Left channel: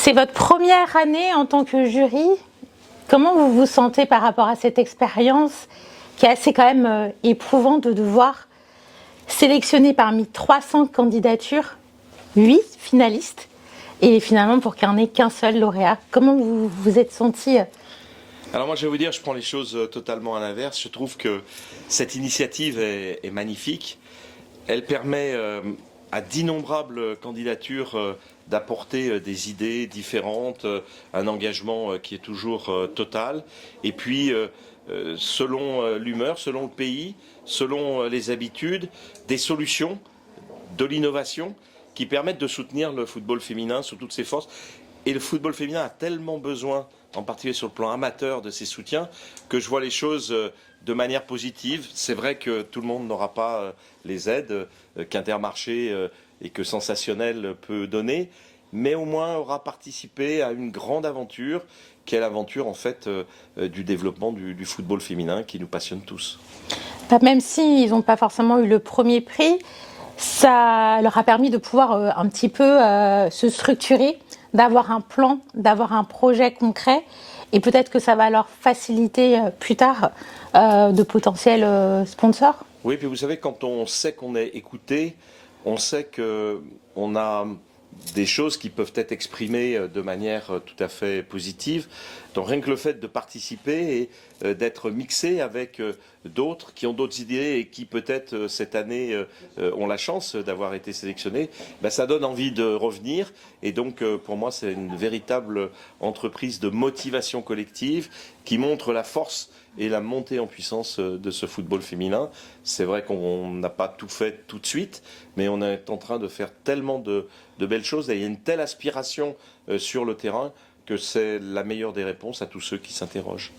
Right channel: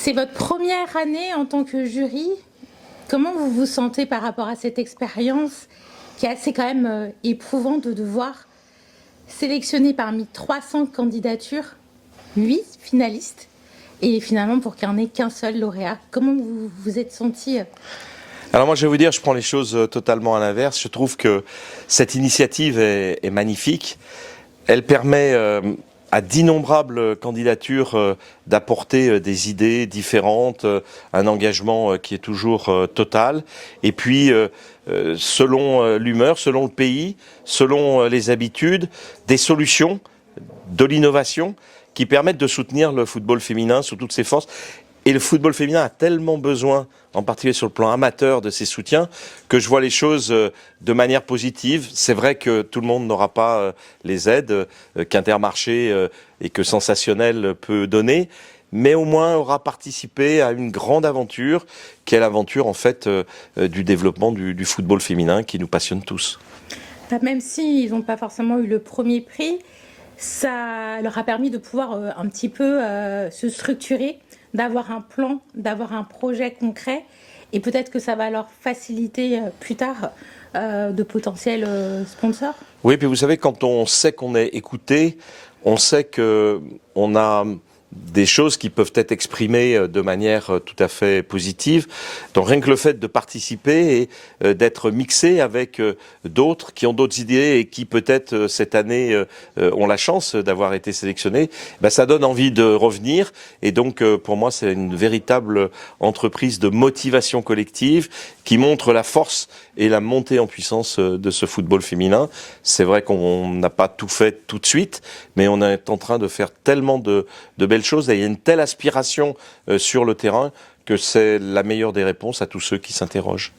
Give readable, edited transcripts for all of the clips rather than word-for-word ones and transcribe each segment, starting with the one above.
C'est votre première année en tant que jury. Comment vous vous sentez par rapport à cette expérience qui est assez quand même éprouvante de devoir sélectionner parmi 300 candidatures 8 finalistes et finalement pour qu'il n'y en ait qu'un seul lauréat? Comment vous vous êtes senti? Alors moi je vais vous dire, je prends les choses totalement à l'inverse. Je trouve que cette initiative est magnifique. Elle permet à d'innombrables candidatures d'apporter des idées différentes, un engagement qui est toujours total. Et puis selon l'humeur, selon le pays, selon les habitudes, des solutions, de l'innovation qui permettent de soutenir le football féminin sous toutes ses forces. Et le football féminin a tellement besoin, en particulier sur le plan amateur, de ces soutiens, que je vois les choses de manière positive. C'est vrai que tout le monde n'aura pas les aides qu'Intermarché et que Sensationnel peut donner, mais au moins aura participé à une grande aventure, qui est l'aventure en fait du développement du football féminin qui nous passionne tous. Même s'ils n'ont pas forcément eu le premier prix, ça leur a permis de pouvoir un petit peu se structurer, d'avoir un plan, d'avoir un projet concret, et peut-être que ça va leur faciliter plus tard de potentiels sponsors. Oui, puis vous savez, quand on sait qu'on est écouté, on sait qu'on a des choses qui peuvent être exprimées de manière tout à fait positive. Donc rien que le fait de participer et d'être mixé avec d'autres qui ont d'autres idées et qui peut-être cette année ont la chance d'avoir été sélectionnés, ben, ça donne envie de revenir. Et donc pour moi c'est une véritable entreprise de motivation collective qui montre la force et la montée en puissance de ce football féminin. C'est vrai qu'on n'a pas tout fait tout de suite, mais on est en train de faire tellement de belles choses et il y a une telle aspiration sur le terrain que c'est la meilleure des réponses à tous ceux qui s'interrogent.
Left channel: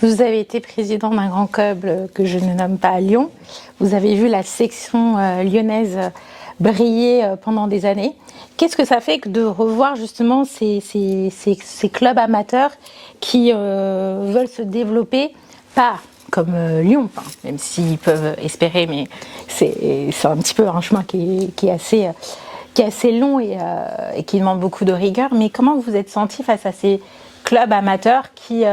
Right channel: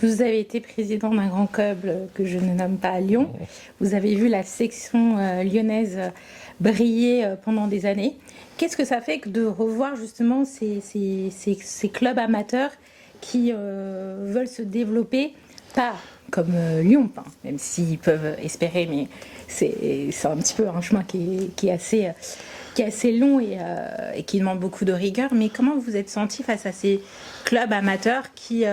Vous avez été président d'un grand club que je ne nomme pas Lyon. Vous avez vu la section lyonnaise briller pendant des années. Qu'est-ce que ça fait que de revoir justement ces clubs amateurs qui veulent se développer, pas comme Lyon, même s'ils peuvent espérer, mais c'est un petit peu un chemin qui est assez long et qui demande beaucoup de rigueur. Mais comment vous vous êtes senti face à ces clubs amateurs qui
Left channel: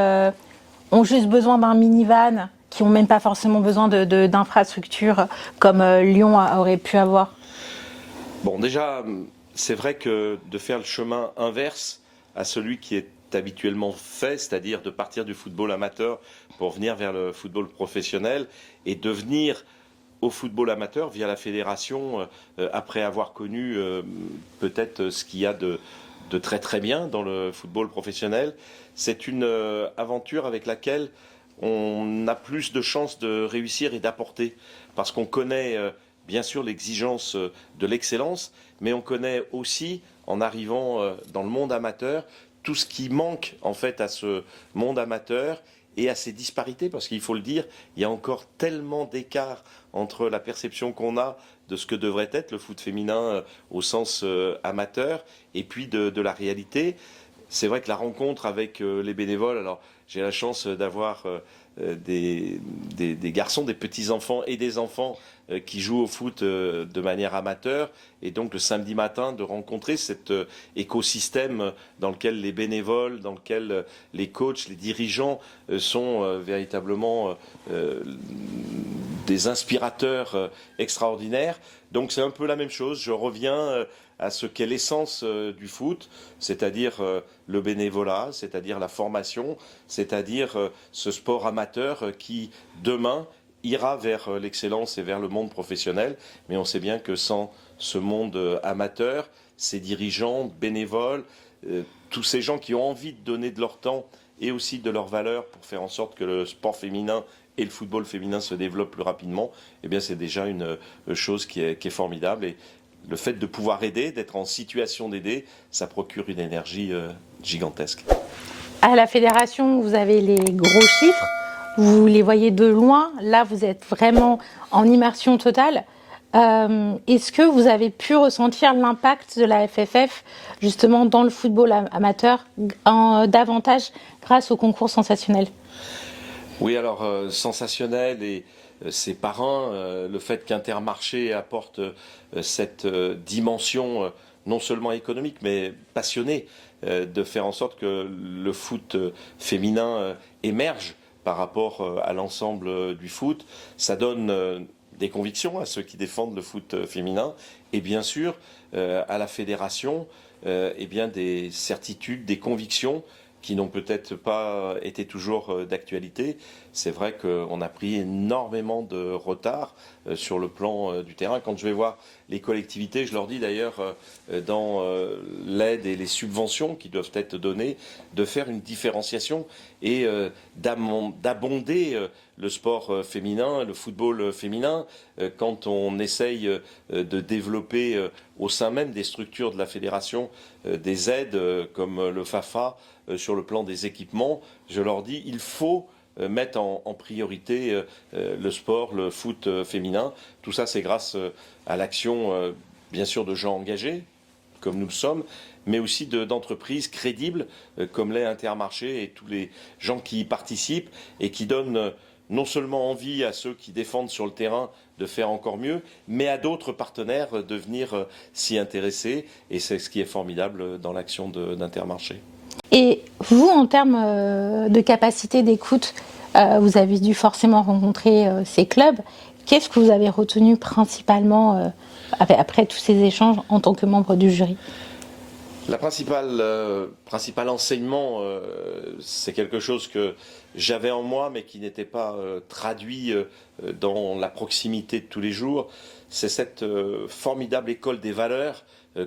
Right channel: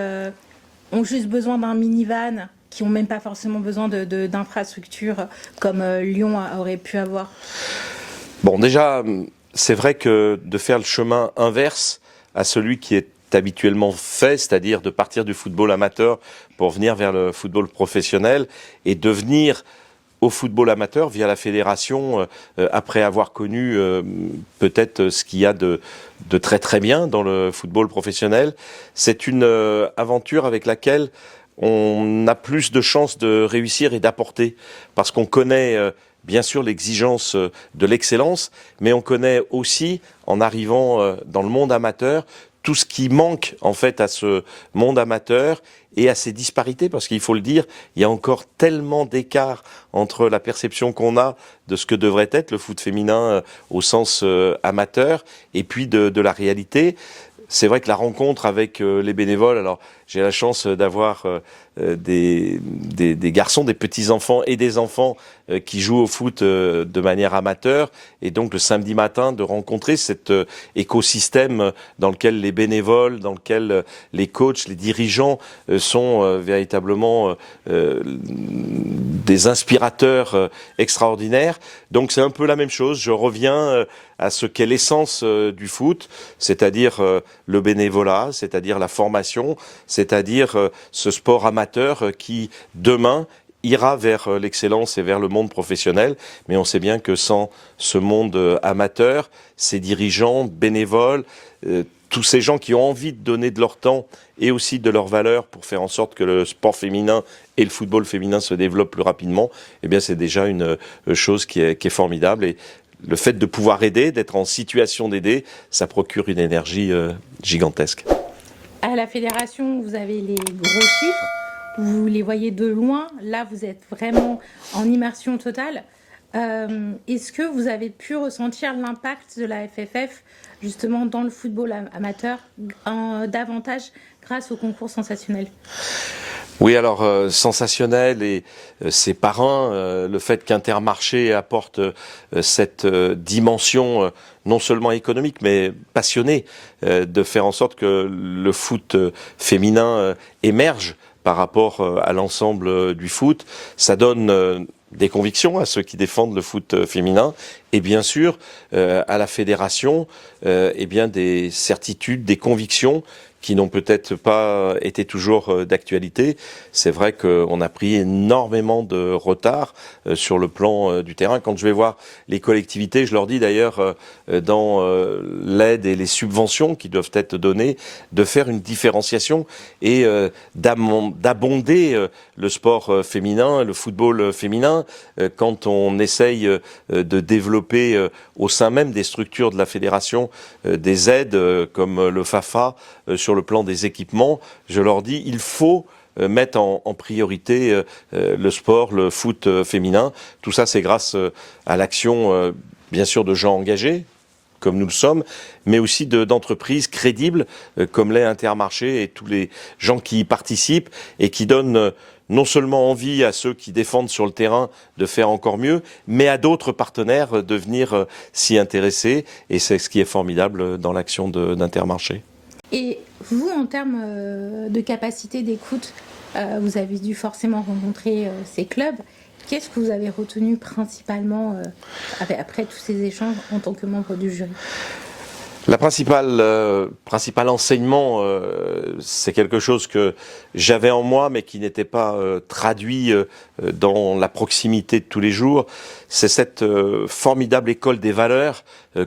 ont juste besoin d'un minivan, qui n'ont même pas forcément besoin d'infrastructures comme Lyon aurait pu avoir? Bon, déjà, c'est vrai que de faire le chemin inverse à celui qui est habituellement fait, c'est-à-dire de partir du football amateur pour venir vers le football professionnel et de venir au football amateur via la fédération après avoir connu peut-être ce qu'il y a de très très bien dans le football professionnel. C'est une aventure avec laquelle on a plus de chances de réussir et d'apporter parce qu'on connaît bien sûr l'exigence de l'excellence, mais on connaît aussi, en arrivant dans le monde amateur, tout ce qui manque en fait à ce monde amateur et à ces disparités, parce qu'il faut le dire, il y a encore tellement d'écart entre la perception qu'on a de ce que devrait être le foot féminin au sens amateur et puis de la réalité. C'est vrai que la rencontre avec les bénévoles, alors j'ai la chance d'avoir des garçons, des petits-enfants et des enfants qui jouent au foot de manière amateur, et donc le samedi matin de rencontrer cet écosystème dans lequel les bénévoles, dans lequel les coachs, les dirigeants sont véritablement des inspirateurs extraordinaires. Donc c'est un peu la même chose, je reviens à ce qu'est l'essence du foot, c'est-à-dire le bénévolat, c'est-à-dire la formation, c'est-à-dire ce sport amateur qui, demain, ira vers l'excellence et vers le monde professionnel. Mais on sait bien que sans ce monde amateur, ces dirigeants, bénévoles, tous ces gens qui ont envie de donner de leur temps et aussi de leurs valeurs pour faire en sorte que le sport féminin et le football féminin se développent plus rapidement, eh bien c'est déjà une chose qui est formidable. Et le fait de pouvoir aider, d'être en situation d'aider, ça procure une énergie gigantesque. À la fédération, vous avez les gros chiffres, vous les voyez de loin. Là, vous êtes vraiment en immersion totale. Est-ce que vous avez pu ressentir l'impact de la FFF justement dans le football amateur davantage grâce au concours Sensationnel? Oui, alors Sensationnel et ses parrains, le fait qu'Intermarché apporte cette dimension non seulement économique, mais passionné, de faire en sorte que le foot féminin émerge par rapport à l'ensemble du foot. Ça donne des convictions à ceux qui défendent le foot féminin et bien sûr à la fédération eh bien des certitudes, des convictions qui n'ont peut-être pas été toujours d'actualité. C'est vrai qu'on a pris énormément de retard sur le plan du terrain. Quand je vais voir les collectivités, je leur dis d'ailleurs dans l'aide et les subventions qui doivent être données, de faire une différenciation et d'abonder le sport féminin, le football féminin, quand on essaye de développer au sein même des structures de la fédération des aides comme le FAFA sur le plan des équipements, je leur dis il faut mettre en priorité le sport, le foot féminin. Tout ça, c'est grâce à l'action, bien sûr, de gens engagés, comme nous le sommes, mais aussi d'entreprises crédibles, comme l'est Intermarché et tous les gens qui y participent et qui donnent non seulement envie à ceux qui défendent sur le terrain de faire encore mieux, mais à d'autres partenaires de venir s'y intéresser. Et c'est ce qui est formidable dans l'action d'Intermarché. Et vous, en termes de capacité d'écoute, vous avez dû forcément rencontrer ces clubs. Qu'est-ce que vous avez retenu principalement après tous ces échanges en tant que membre du jury ? La principal enseignement, c'est quelque chose que j'avais en moi, mais qui n'était pas traduit dans la proximité de tous les jours. C'est cette formidable école des valeurs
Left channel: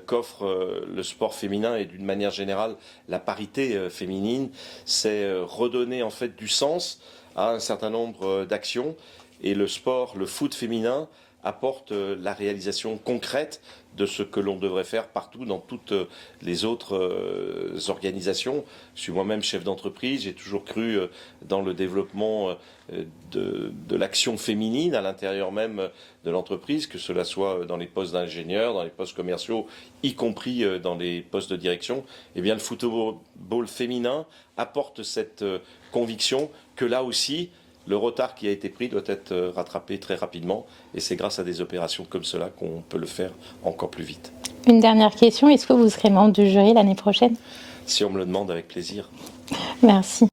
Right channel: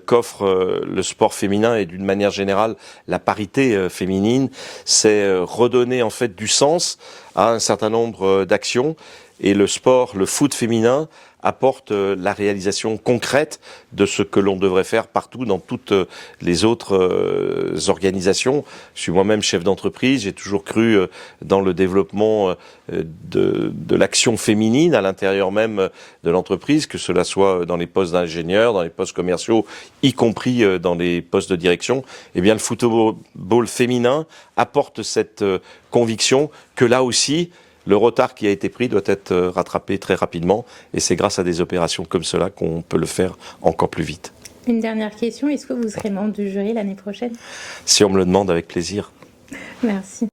qu'offre le sport féminin et d'une manière générale la parité féminine. C'est redonner en fait du sens à un certain nombre d'actions. Et le sport, le foot féminin, apporte la réalisation concrète de ce que l'on devrait faire partout dans toutes les autres organisations. Je suis moi-même chef d'entreprise, j'ai toujours cru dans le développement de l'action féminine à l'intérieur même de l'entreprise, que cela soit dans les postes d'ingénieurs, dans les postes commerciaux, y compris dans les postes de direction. Eh bien, le football féminin apporte cette conviction que là aussi, le retard qui a été pris doit être rattrapé très rapidement et c'est grâce à des opérations comme cela qu'on peut le faire encore plus vite. Une dernière question, est-ce que vous serez membre du jury l'année prochaine ? Si on me le demande, avec plaisir. Merci.